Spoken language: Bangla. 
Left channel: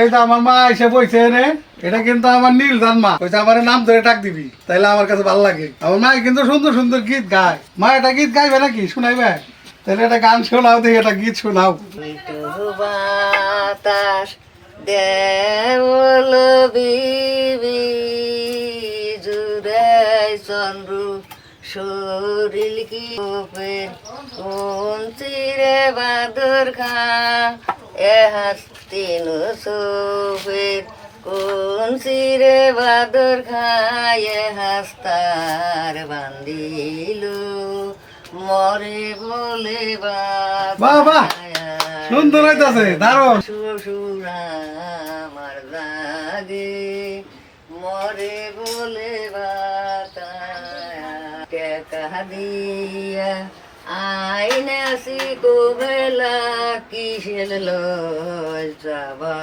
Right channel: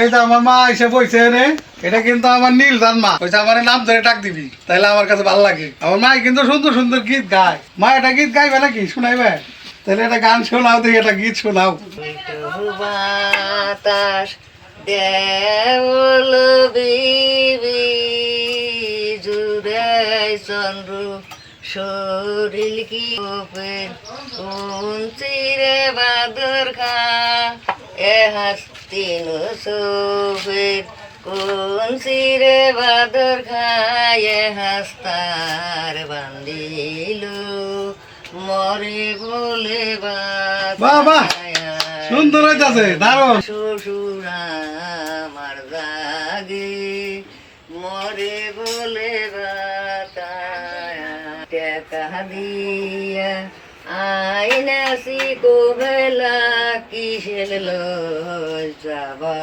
এই তো আমার মা এসে বইছে রে, এটা কিন্তু আমার নীল দান মা, ওই আমার নাম ধরে ডাক দিবি, তাইলে আমার কাছে ভালো লাগে। আমার মা কিন্তু সুন্দর সুন্দর গীত গায়। মা এটা গীত গাইবে নাকি, শুনাইবে? তাহলে একটা গান শোনাও, দেখি একটা গীত শোনাও। বাতাস দেবল বিবি জুড়াই চন্দ্র শরীর কি কোন চিরে বাদর খা এ হাস্তিন সোফের কোন চিরে বাদর খায় হাস্তার বান্দিল মরে বলে বাহ বাহ, সুন্দর হইতাছে, দারুণ। শ্বশুর আমার জাগে মরে বলে টেকা দিয়া আইনাসি কোবেলা কিসের লয় যাবা।